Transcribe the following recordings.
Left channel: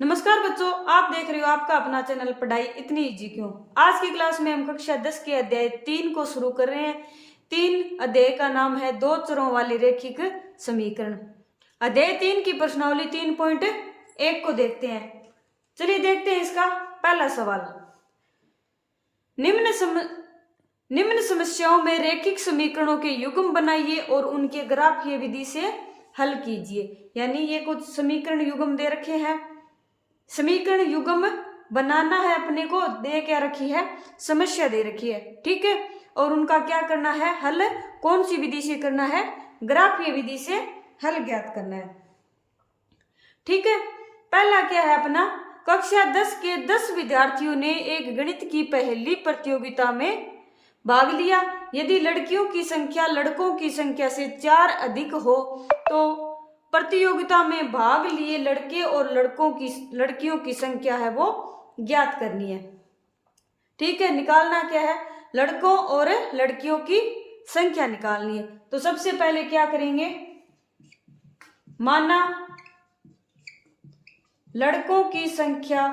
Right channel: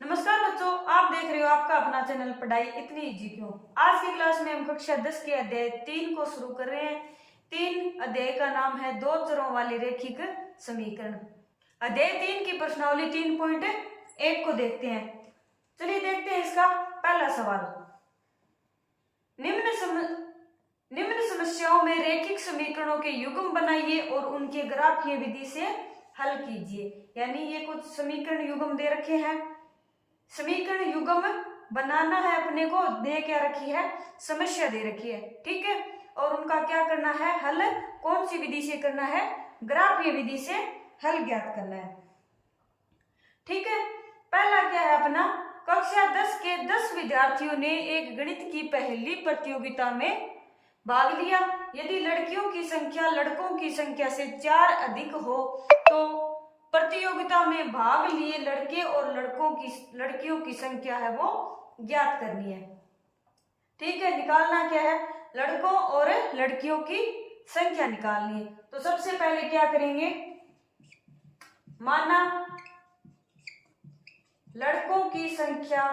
नमस्कार बच्चों, आप देख रहे हो आपका अपना चैनल पढ़ाई इतनी इजी क्यों। आज की क्लास में हम कक्षा 10 के अध्याय 3 को शुरू कर रहे हैं। 3 अध्याय का नाम है दो चरों वाली रैखिक समीकरण। अध्याय 3 की प्रश्नावली 3.1 को देखते हैं। चलिए देखते हैं इसका पहला सवाल। निम्न समस्याओं में रैखिक समीकरणों के युग्म बनाइए और उनके ग्राफीय विधि से हल कीजिए। यानी ये कुछ समीकरण युग्म दे रखे हैं, समीकरण युग्म बनाना है अपने को, दे क्या रखी है, समस्या दे रखी है, ठीक है। और उनका क्या करना है, हल कौन सी विधि से करना है, ग्राफीय विधि से हल ज्ञात करना है, ठीक है। पहला क्या है अपना, कक्षा 10 के 10 विद्यार्थियों ने एक गणित की पहली प्रतियोगिता में भाग लिया। यदि लड़कियों की संख्या लड़कों की संख्या से 4 अधिक हो तो प्रतियोगिता में भाग लिए लड़के और लड़कियों की संख्या है वो ज्ञात करनी है, ठीक है। निकालना क्या है, लड़कों और लड़कियों की संख्या निकालनी है। तो सबसे पहले क्या करेंगे, माना लड़कों की संख्या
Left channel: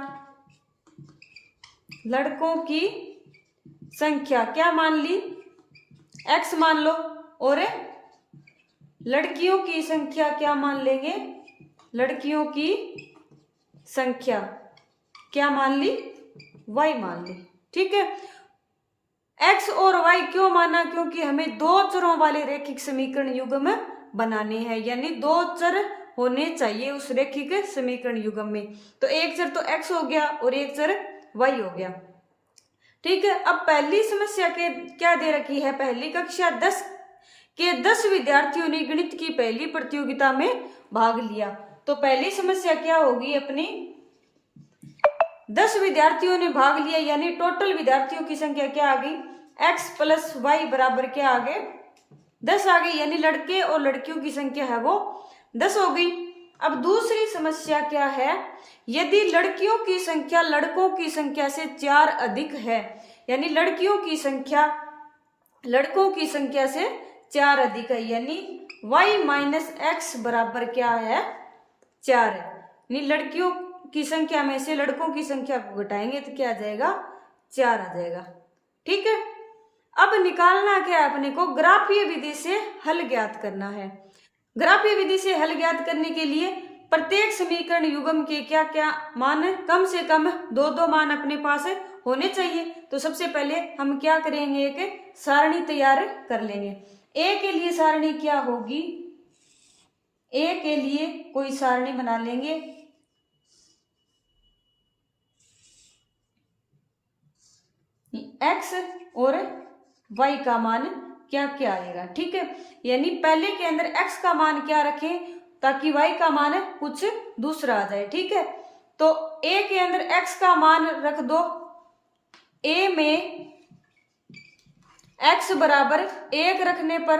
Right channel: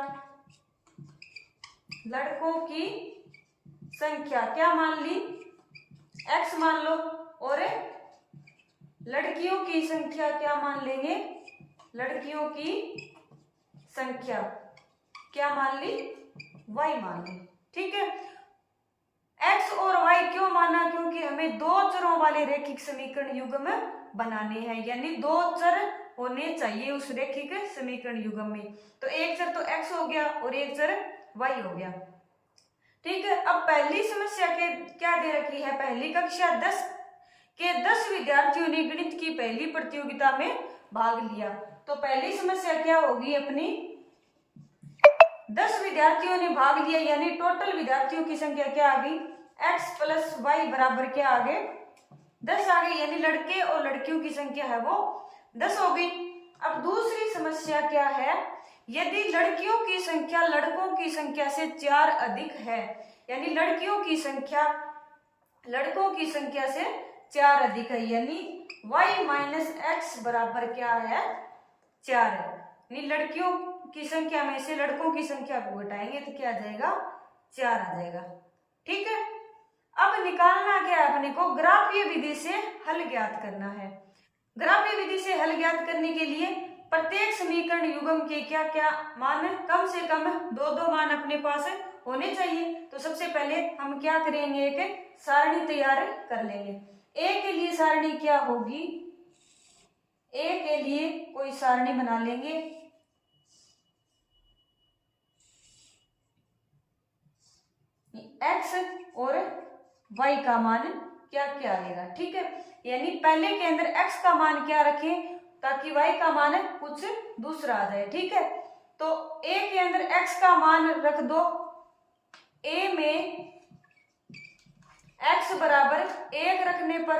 क्या मान ली, x मान लो, और लड़कियों की संख्या क्या मान लेंगे, लड़कियों की संख्या क्या मान ली, y मान ली, ठीक है। x और y क्यों माना, क्योंकि हमें दो चरों वाले रैखिक समीकरण युग्म बनाने हैं, यानी दो चर होने चाहिए उस रैखिक समीकरण युग्म में। तो एक चर तो x हो गया और एक चर y हो गया, ठीक है। अब पहली समस्या के क्या दे रखी है, पहली कक्षा 10 के 10 विद्यार्थियों ने गणित की पहली प्रतियोगिता में भाग लिया। तो पहली समस्या क्या होगी अपनी, 10 विद्यार्थियों ने भाग लिया, यानी टोटल विद्यार्थियों की संख्या क्या आ गई, x प्लस वाई बराबर क्या आ गए, 10 आ गई, यानी लड़के और लड़कियों की संख्या है वो 10 हो गई। अब दूसरी समस्या क्या है, यदि लड़कियों की संख्या लड़कों की संख्या से 4 अधिक है, यानी लड़कियों की संख्या लड़कों की संख्या से 4 अधिक है, यानी y माइनस एक्स बराबर क्या है, 4 है। यानी लड़कियों की संख्या में से लड़कों की संख्या को घटाएंगे तो क्या आ जाएगा, 4 आ जाएगा, ठीक है। अब निकालना क्या है अपने को, ग्राफीय विधि से हल ज्ञात करना है। ग्राफीय विधि से हल ज्ञात करने के लिए प्रत्येक समीकरण युग्म के क्या क्या मान, कम से कम दो मान अपने पास होने चाहिए। तो सबसे पहले हम क्या करेंगे, एक सारणी तैयार कर लेंगे। ए के लिए सारणी क्या होगी, ए के लिए कोई सारणी बना लेंगे, x और y का मान क्या क्या आएगा, ठीक है। यानी पहले के अंदर x का मान क्या रखें ताकि y का मान कुछ दूसरा आ जाए, ठीक है। तो a के अंदर x का मान रख दो, a में x बराबर 1 रखने पर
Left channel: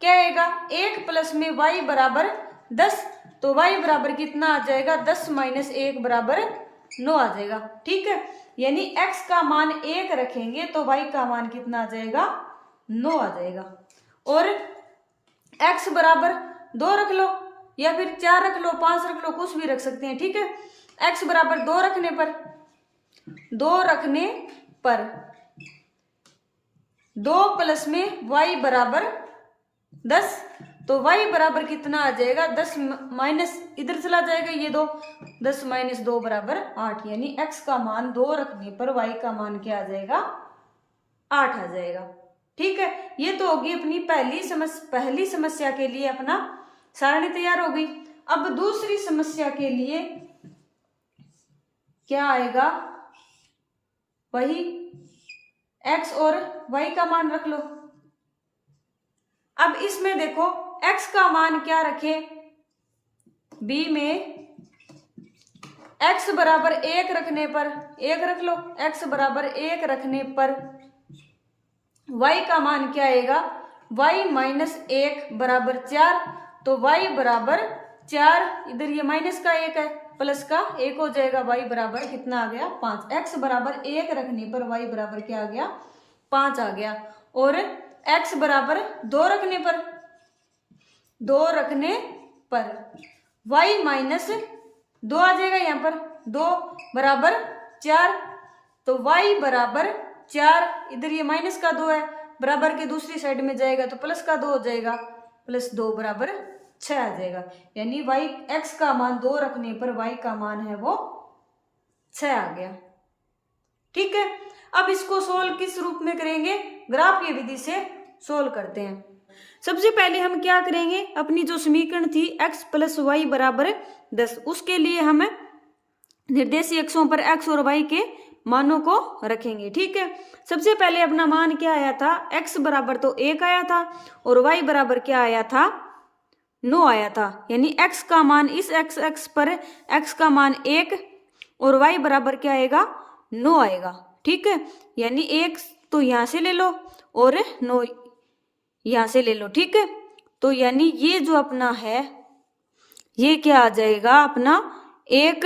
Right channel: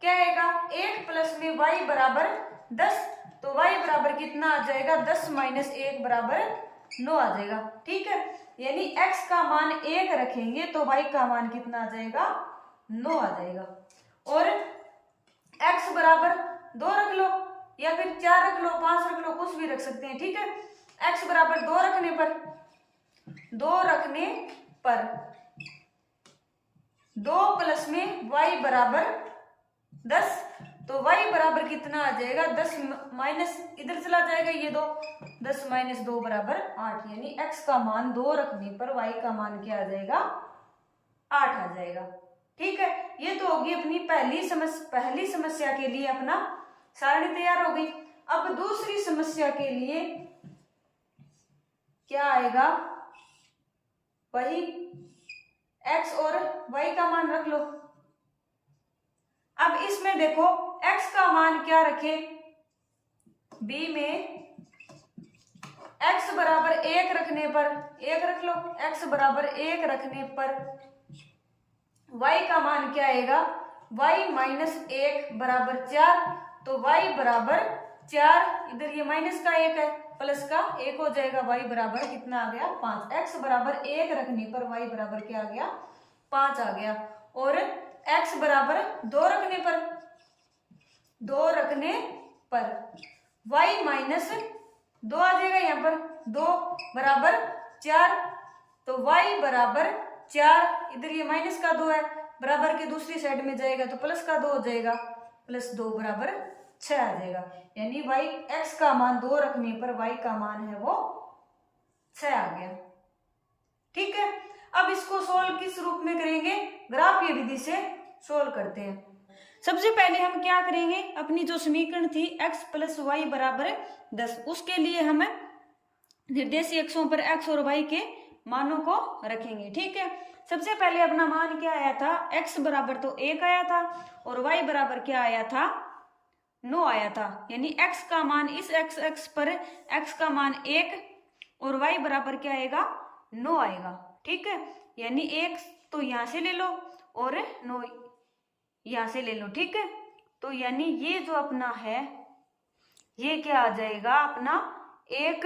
क्या आएगा, 1 प्लस में y बराबर 10, तो y बराबर कितना आ जाएगा, 10 माइनस 1 बराबर 9 आ जाएगा, ठीक है। यानी x का मान 1 रखेंगे तो y का मान कितना आ जाएगा, 9 आ जाएगा। और x बराबर 2 रख लो या फिर 4 रख लो, 5 रख लो, कुछ भी रख सकते हैं, ठीक है। x बराबर 2 रखने पर 2 प्लस में y बराबर 10, तो y बराबर कितना आ जाएगा, 10 माइनस इधर चला जाएगा ये 2, 10 माइनस 2 बराबर 8, यानी x का मान 2 रखने पर y का मान क्या आ जाएगा, 8 आ जाएगा, ठीक है। ये तो होगी अपनी पहली समस्या के लिए अपना सारणी तैयार हो गई। अब दूसरी समस्या के लिए क्या आएगा, वही x और y का मान रख लो। अब इसमें देखो x का मान क्या रखे, b में x बराबर 1 रखने पर 1 रख लो, x बराबर 1 रखने पर y का मान क्या आएगा, y माइनस 1 बराबर 4, तो y बराबर 4, इधर ये माइनस का 1 है, प्लस का 1 हो जाएगा, y बराबर कितना आ गया, 5। x बराबर 1 रखने पर y बराबर क्या आ गया, 5 आ गया। और x बराबर 2 रखने पर y माइनस 2 आ जाएगा यहाँ पर, 2 बराबर 4, तो y बराबर 4, इधर ये माइनस का 2 है, बराबर के दूसरी साइड में जाएगा तो प्लस का 2 हो जाएगा, प्लस 2 बराबर 6 आ जाएगा। यानी y x का मान 2 रखने पर y का मान है वो 6 आ गया। ठीक है, अब इसको सोल्व किस रूप में करेंगे, ग्राफीय विधि से सोल्व करते हैं। सबसे पहले हम क्या करेंगे, अपनी जो समीकरण थी x प्लस वाई बराबर 10, उसके लिए हम निर्देशीय अक्षों पर x और y के मानों को रखेंगे। ठीक है, सबसे पहले अपना मान क्या आया था, x बराबर तो 1 आया था और y बराबर क्या आया था, 9 आया था। यानी x का मान, इस x पर x का मान 1 और y बराबर क्या आएगा, 9 आएगा। ठीक है, यानी 1 तो यहाँ से ले लो और 9 यहाँ से ले लो। ठीक है, तो यानी ये जो अपना है ये क्या आ जाएगा, अपना 1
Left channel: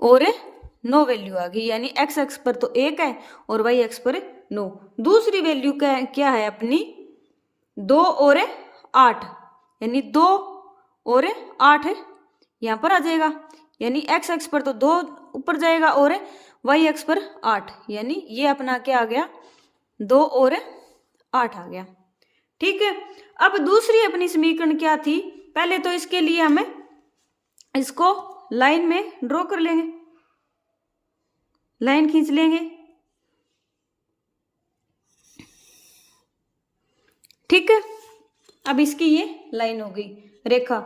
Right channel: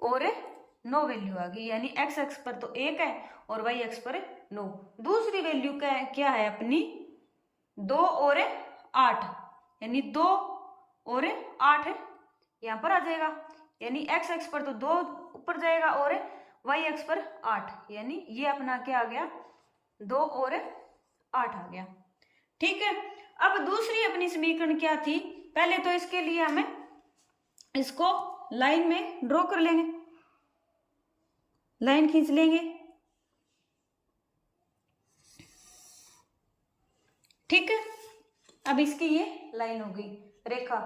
और 9 वैल्यू आ गई। यानी x एक्स पर तो 1 है और y एक्स पर 9। दूसरी वैल्यू क्या है अपनी, 2 और 8, यानी 2 और 8 यहाँ पर आ जाएगा। यानी x एक्स पर तो 2 ऊपर जाएगा और y एक्स पर 8, यानी ये अपना क्या आ गया, 2 और 8 आ गया। ठीक है, अब दूसरी अपनी समीकरण क्या थी, पहले तो इसके लिए हम इसको लाइन में ड्रॉ कर लेंगे, लाइन खींच लेंगे। ठीक है, अब इसकी ये लाइन हो गई, रेखा।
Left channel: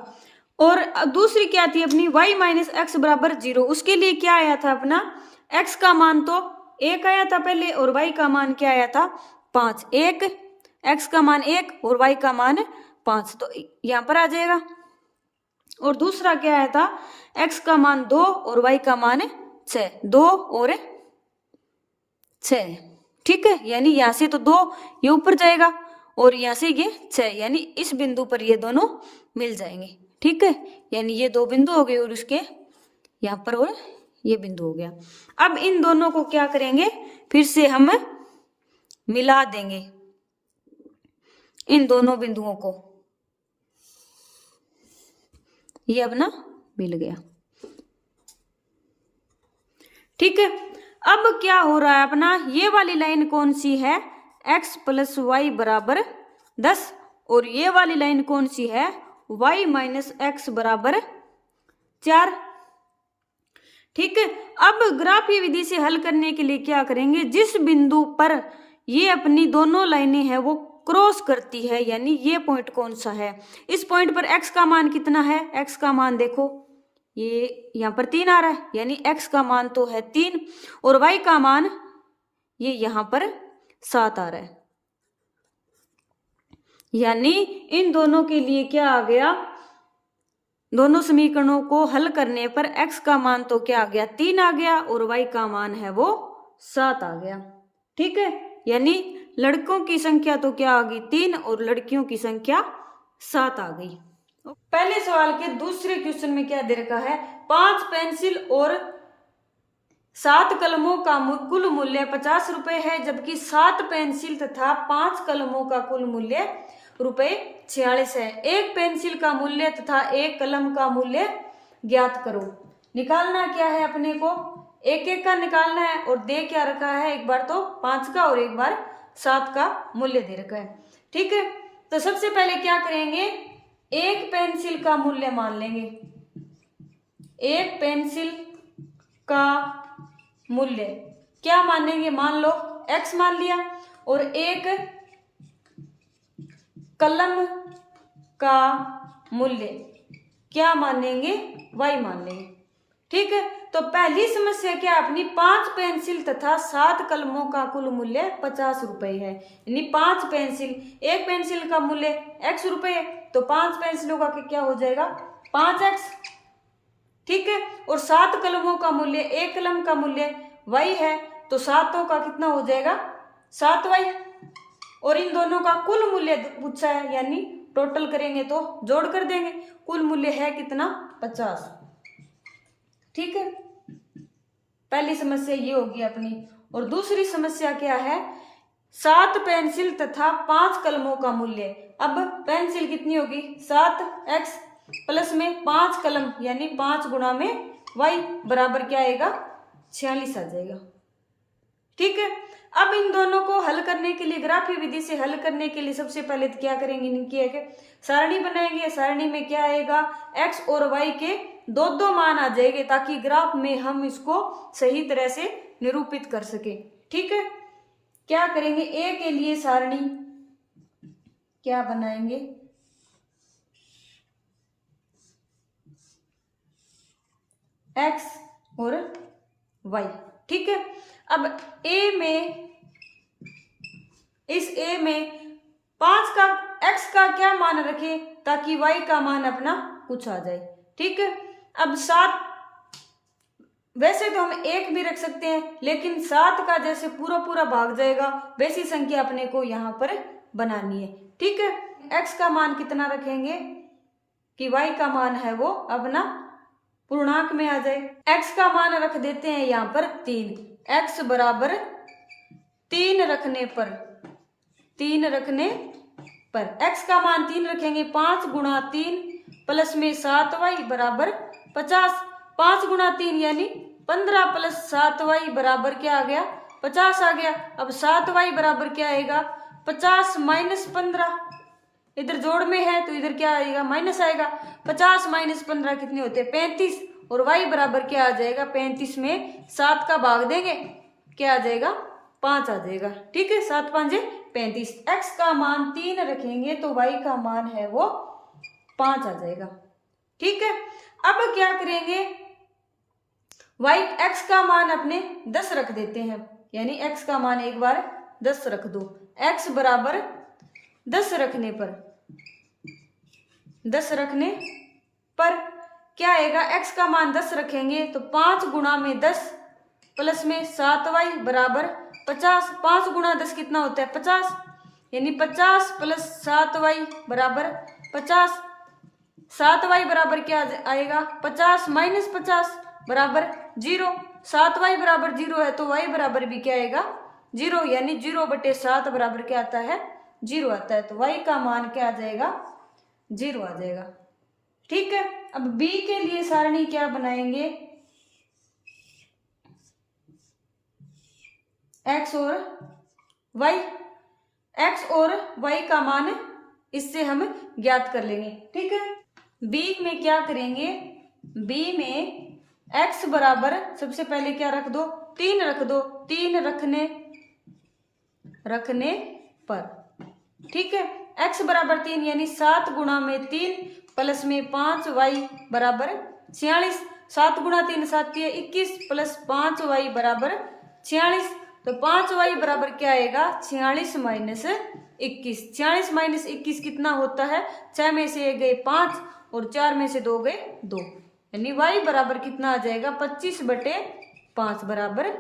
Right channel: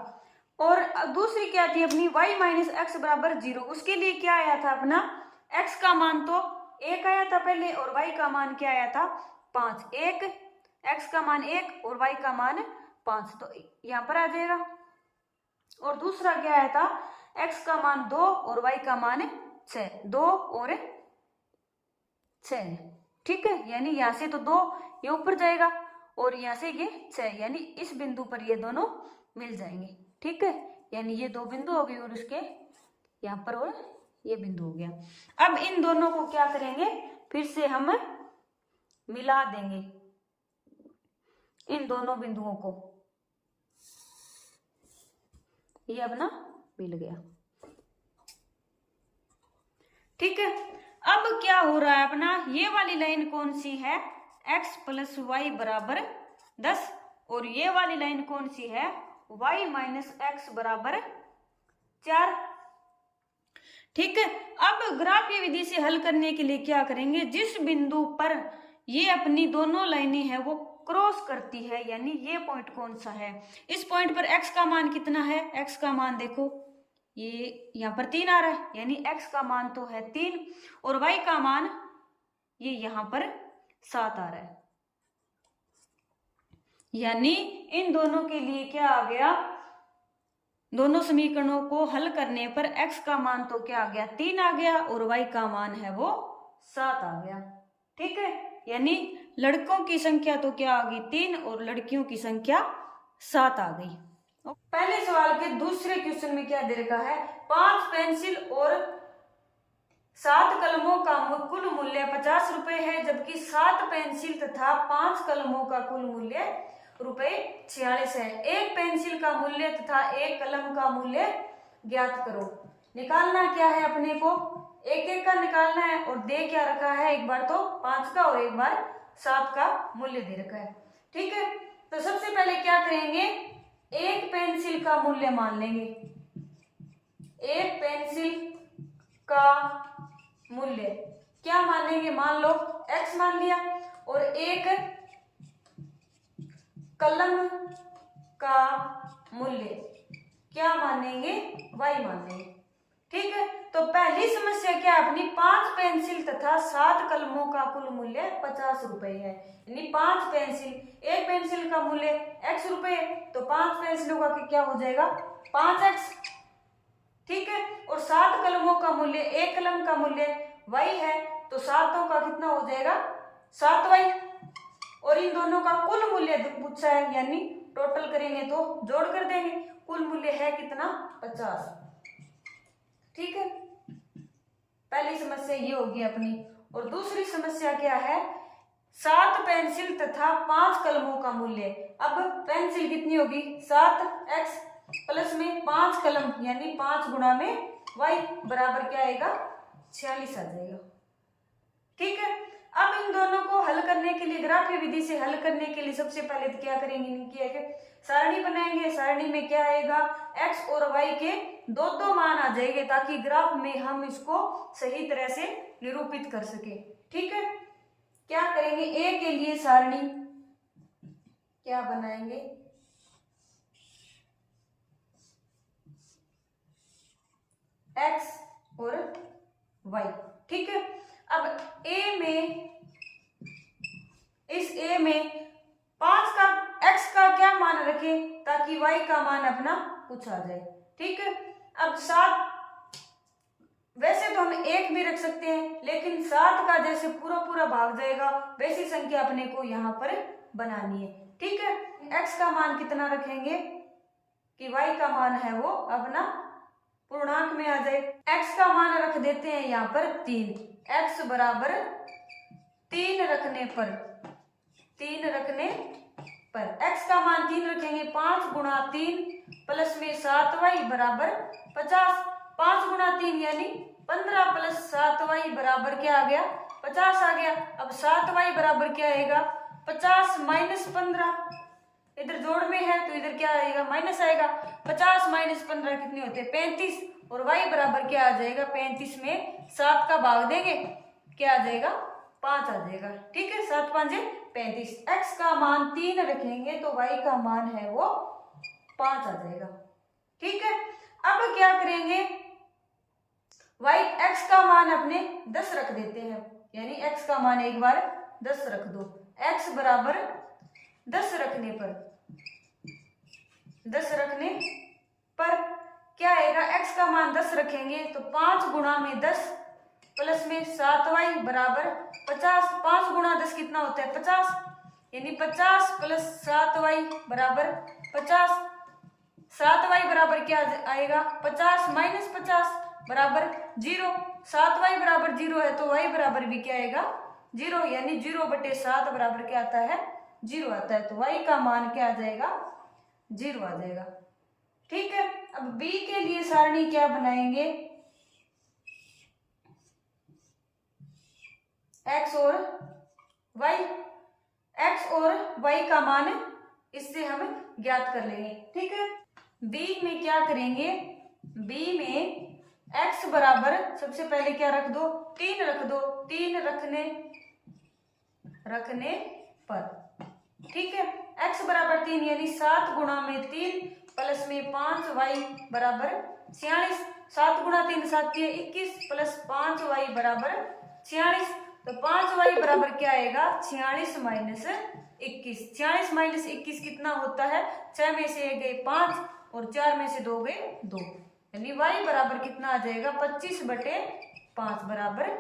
और दूसरी क्या थी अपनी, y माइनस एक्स बराबर 0, उसके लिए क्या आया था अपना, x का मान तो 1 आया था पहले और y का मान क्या आया था, 5। 1 x का मान 1 और y का मान 5, तो यहाँ पर आ जाएगा। और दूसरा क्या आया था, x का मान 2 और y का मान 6, 2 और 6। ठीक है, यानी यहाँ से तो 2 ये ऊपर जाएगा और यहाँ से ये 6, यानी इस बिंदु पर ये दोनों मिल जाएंगे। ठीक है, यानी ये 2 बिंदु हो गए और उसके यहाँ पर और ये बिंदु हो गया। अब इन दोनों को क्या करेंगे, फिर से हम मिला देंगे इन दोनों बिंदुओं को, ये अपना मिल गया। ठीक है, अब क्या हो रहा है अपना, ये वाली लाइन कौन सी है, x प्लस वाई बराबर 10, और ये वाली लाइन कौन सी है, y माइनस एक्स बराबर 4। ठीक है, अब ग्राफीय विधि से हल करने के लिए क्या करेंगे, जिस बिंदु पर ये अपनी दोनों लाइनें हैं वो क्रॉस करती है, यानी ये पॉइंट कौन सा है, इस पॉइंट पर x का मान कितना है, x का मान देखो ये यहाँ पर 3 आ रहा है, यानी x का मान तो है 3 और y का मान ये यहाँ पर 7 आ रहा है। यानी इन दोनों के लिए क्या आ गया, दोनों समीकरणों को हल करने पर x का मान तो क्या आ गया, 3 आ गया और y का मान है वो 7 आ गया। ठीक है, यानी लड़कों की संख्या तो क्या आ गई, 3 और लड़कियों की संख्या 7 आ गई। पहले सवाल के दूसरे क्वेश्चन में क्या दे रखा है, 5 पेंसिल और 7 कलमों का कुल मूल्य 50 रुपए है, जबकि 7 पेंसिल तथा 5 कलमों का कुल मूल्य रुपए 46 है। एक पेंसिल का मूल्य तथा एक कलम का मूल्य ज्ञात करो। निकालना क्या है अपने को, एक एक का निकालना है और दे क्या रखा है, एक बार तो 5 का और एक बार 7 का मूल्य दे रखा है। ठीक है, तो सबसे पहले क्या करेंगे, एक पेंसिल का मूल्य मान लेंगे, एक पेंसिल का मूल्य क्या मानेंगे, मान लो x मान लिया, और एक कलम का मूल्य क्या मानेंगे, y मान लेंगे। ठीक है, तो पहली समस्या क्या है अपनी, 5 पेंसिल तथा 7 कलमों का कुल मूल्य 50 रुपए है, यानी 5 पेंसिल, एक पेंसिल का मूल्य x रुपए, तो 5 पेंसिलों का क्या हो जाएगा 5x। ठीक है, और 7 कलमों का मूल्य, एक कलम का मूल्य y है, तो 7 का कितना हो जाएगा 7y, और इन दोनों का कुल मूल्य पूछा है, यानी टोटल करेंगे तो जोड़ कर देंगे, कुल मूल्य है कितना 50। ठीक है, पहली समस्या ये होगी अपनी। और दूसरी समस्या क्या है, 7 पेंसिल तथा 5 कलमों का मूल्य। अब पेंसिल कितनी होगी 7x प्लस में 5 कलम यानी 5 गुणा में y बराबर क्या आएगा 46 आ जाएगा। ठीक है, अब इन दोनों को हल करने के लिए, ग्राफीय विधि से हल करने के लिए सबसे पहले तो क्या करेंगे, इनकी एक सारणी बनाएंगे। सारणी में क्या आएगा, x और y के दो दो मान आ जाएंगे ताकि ग्राफ में हम इसको सही तरह से निरूपित कर सके। ठीक है, क्या करेंगे, a के लिए सारणी क्या बनाएंगे, x और y। ठीक है, अब a में, इस a में 5 का x का क्या मान रखें ताकि y का मान अपना कुछ आ जाए। ठीक है, अब 7, वैसे तो हम 1 भी रख सकते हैं, लेकिन 7 का जैसे पूरा पूरा भाग जाएगा वैसी संख्या अपने को यहाँ पर बनानी है। ठीक है, x का मान कितना रखेंगे कि y का मान है वो अपना पूर्णांक में आ जाए। x का मान रख देते हैं यहाँ पर 3, x बराबर 3 रखने पर, 3 रखने पर x का मान 3 रखेंगे, 5 गुणा 3 प्लस में 7y बराबर 50, 5 गुणा 3 यानी 15 प्लस 7y बराबर क्या आ गया 50 आ गया। अब 7y बराबर क्या आएगा 50 माइनस 15, इधर जोड़ में है तो इधर क्या आएगा माइनस आएगा। 50 माइनस 15 कितने होते हैं 35, और y बराबर क्या आ जाएगा 35 में 7 का भाग देंगे क्या आ जाएगा 5 आ जाएगा। ठीक है, 7 5 35, x का मान 3 रखेंगे तो y का मान है वो 5 आ जाएगा। ठीक है, अब क्या करेंगे, x का मान अपने 10 रख देते हैं, यानी x का मान एक बार 10 रख दो। x बराबर 10 रखने पर, 10 रखने पर क्या आएगा, x का मान 10 रखेंगे तो 5 गुणा में 10 प्लस में 7y बराबर 50, 5 गुणा 10 कितना होता है 50, यानी 50 प्लस 7y बराबर 50, 7y बराबर क्या आएगा 50 माइनस 50 बराबर 0, 7y बराबर 0 है तो y बराबर भी क्या आएगा 0, यानी 0/7 बराबर क्या आता है 0 आता है, तो y का मान क्या आ जाएगा 0 आ जाएगा। ठीक है, अब b के लिए सारणी क्या बनाएंगे, x और y, x और y का मान इससे हम ज्ञात कर लेंगे। ठीक है, b में क्या करेंगे, b में x बराबर सबसे पहले क्या रख दो 3 रख दो, 3 रखने पर। ठीक है, x बराबर 3 यानी 7 गुणा में 3 प्लस में 5y बराबर 46, 7 गुणा 3 7 21 प्लस 5y बराबर 46, तो 5y बराबर क्या आएगा 46 माइनस 21, 46 माइनस 21 कितना होता है, 6 में से 1 गए 5 और 4 में से 2 गए 2, यानी y बराबर कितना आ जाएगा 25/5 बराबर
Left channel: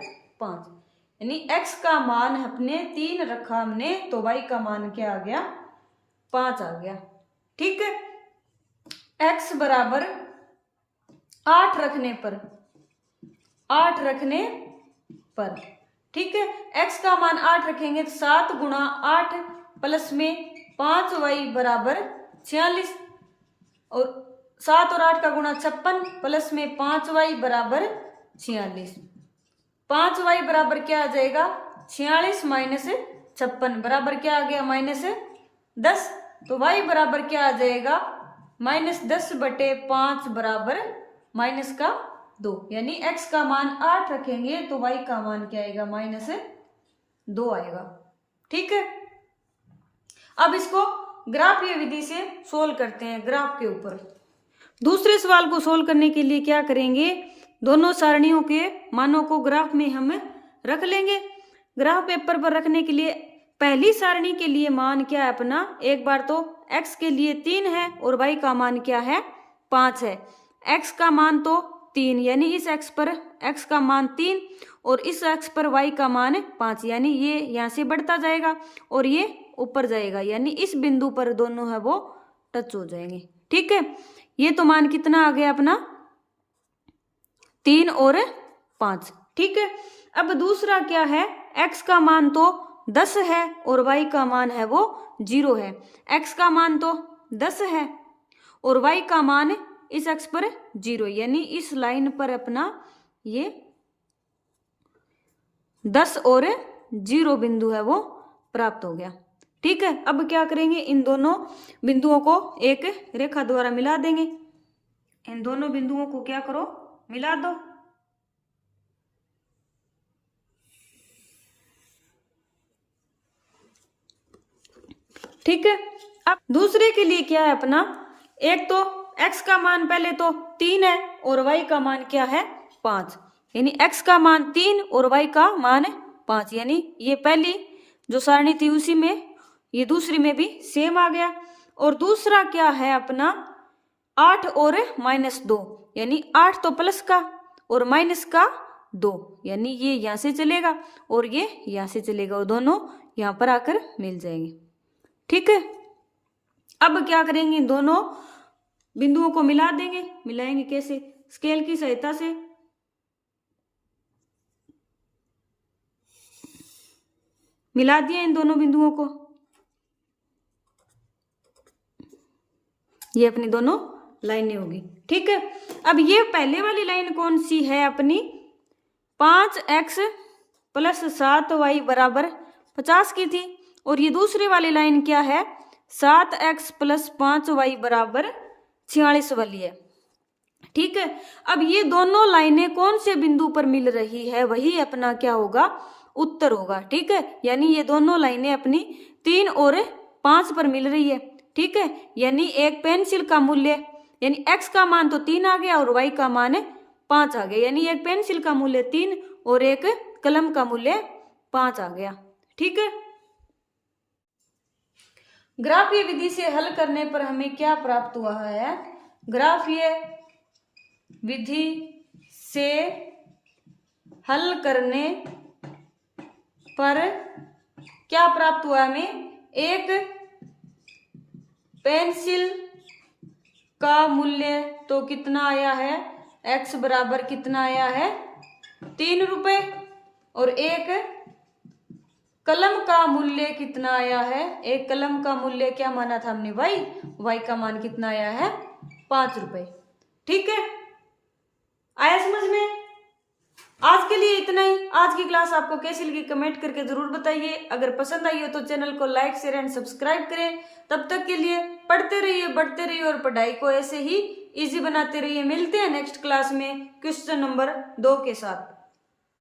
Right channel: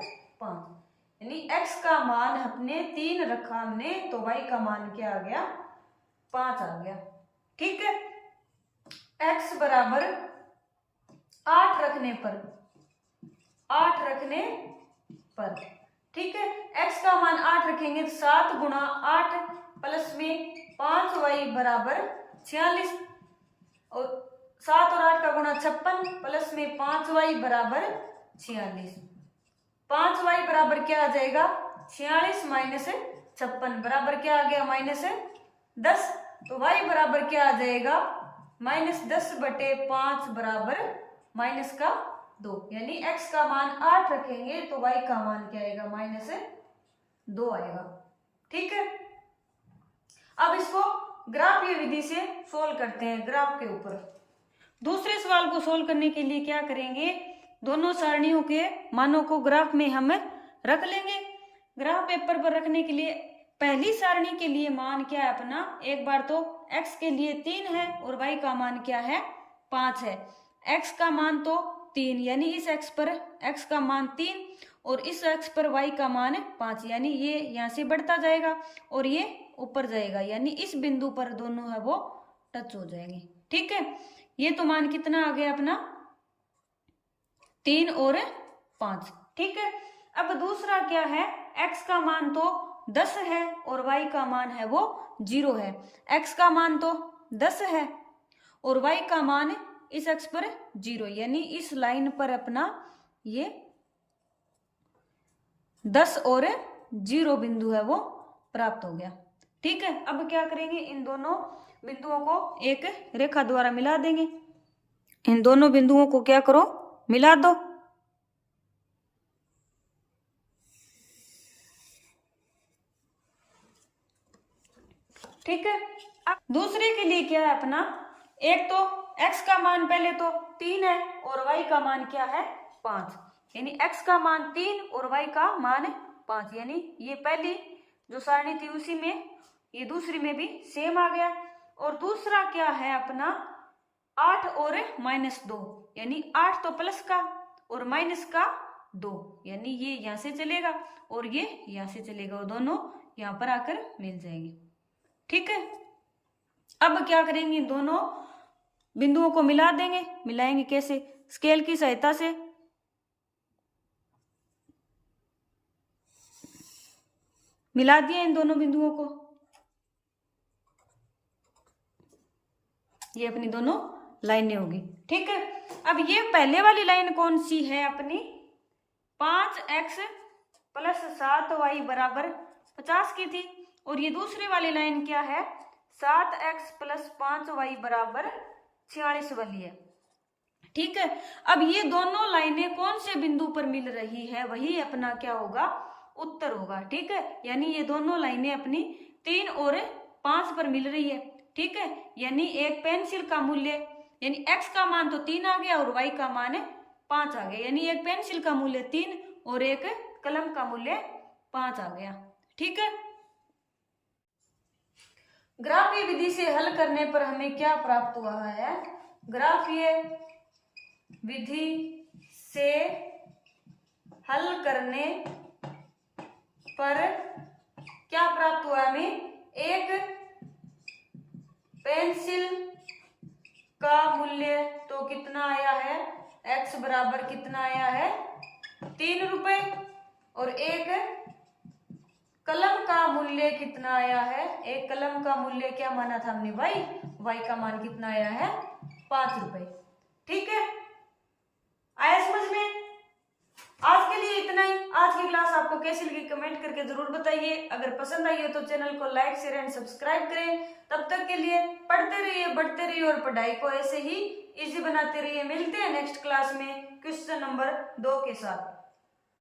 5, यानी x का मान अपने 3 रखा हमने तो y का मान क्या आ गया 5 आ गया। ठीक है, x बराबर 8 रखने पर, 8 रखने पर। ठीक है, x का मान 8 रखेंगे तो 7 गुणा 8 प्लस में 5y बराबर 46, और 7 और 8 का गुणा 56 प्लस में 5y बराबर 46, 5y बराबर क्या आ जाएगा 46 माइनस 56 बराबर क्या आ गया -10, तो y बराबर क्या आ जाएगा -10/5 बराबर -2, यानी x का मान 8 रखेंगे तो y का मान क्या आएगा -2 आएगा। ठीक है, अब इसको ग्राफीय विधि से सोल्व करते हैं ग्राफ के ऊपर। दूसरे सवाल को सोल्व करने के लिए क्या करेंगे, दोनों सारणियों के मानों को ग्राफ में हम रख लेंगे। ग्राफ पेपर पर रखने के लिए पहली सारणी के लिए मान क्या है अपना, एक बार तो x के लिए 3 है और y का मान क्या है 5 है। x का मान तो 3 यानी इस x पर x का मान 3 और इस x पर y का मान 5, यानी ये यहाँ से बढ़ता जाएगा और ये ऊपर जाएगा, यानी इस बिंदु पर दोनों है वो टच हो जाएंगे। ठीक है, ये तो मान कितना आ गया अपना 3 और 5। ठीक है, अब दूसरा क्या है, x का मान तो 10 है और y का मान है वो 0 है। x का मान तो 10 है और y का मान इस एक्स पर 0, यानी इस लाइन पर अपना ये 10 और 0 बिंदु है वो प्राप्त हो गया। ठीक है, अब क्या करेंगे, इन दोनों बिंदुओं को एक रेखा द्वारा मिला देंगे। इन दोनों बिंदुओं को क्या करो, मिला दो। ठीक है, अब दूसरे के लिए क्या है अपना, एक तो x का मान पहले तो 3 है और y का मान क्या है 5, यानी x का मान 3 और y का मान 5, यानी ये पहली जो सारणी थी उसी में ये दूसरी में भी सेम आ गया। और दूसरा क्या है अपना 8 और -2, यानी 8 तो प्लस का और माइनस का 2, यानी ये यहाँ से चलेगा और ये यहाँ से चलेगा और दोनों यहाँ पर आकर मिल जाएंगे। ठीक है, अब क्या करेंगे, इन दोनों बिंदुओं को मिला देंगे। मिलाएंगे कैसे, स्केल की सहायता से। मिला दिया इन दोनों बिंदुओं को, ये अपनी दोनों लाइनें होगी। ठीक है, अब ये पहले वाली लाइन कौन सी है अपनी, 5x + 7y = 50 की थी, और ये दूसरी वाली लाइन क्या है, 7x + 5y = 46 वाली है। ठीक है, अब ये दोनों लाइनें कौन से बिंदु पर मिल रही है, वही अपना क्या होगा, उत्तर होगा। ठीक है, यानी ये दोनों लाइनें अपनी 3 और 5 पर मिल रही है। ठीक है, यानी एक पेंसिल का मूल्य, यानी x का मान तो 3 आ गया और y का मान 5 आ गया, यानी एक पेंसिल का मूल्य 3 और एक कलम का मूल्य 5 आ गया। ठीक है, ग्राफीय विधि से हल करने पर हमें क्या प्राप्त हुआ है, ग्राफीय विधि से हल करने पर क्या प्राप्त हुआ हमें, एक पेंसिल का मूल्य तो कितना आया है, x बराबर कितना आया है 3 रुपए, और एक कलम का मूल्य कितना आया है, एक कलम का मूल्य क्या माना था हमने y का मान कितना आया है 5 रुपए। ठीक है, आया समझ में। आज के लिए इतना ही। आज की क्लास आपको कैसी लगी कमेंट करके जरूर बताइए। अगर पसंद आई हो तो चैनल को लाइक शेयर एंड सब्सक्राइब करें। तब तक के लिए पढ़ते रहिए, बढ़ते रहिए और पढ़ाई को ऐसे ही इजी बनाते रहिए। मिलते हैं नेक्स्ट क्लास में क्वेश्चन नंबर 2 के साथ।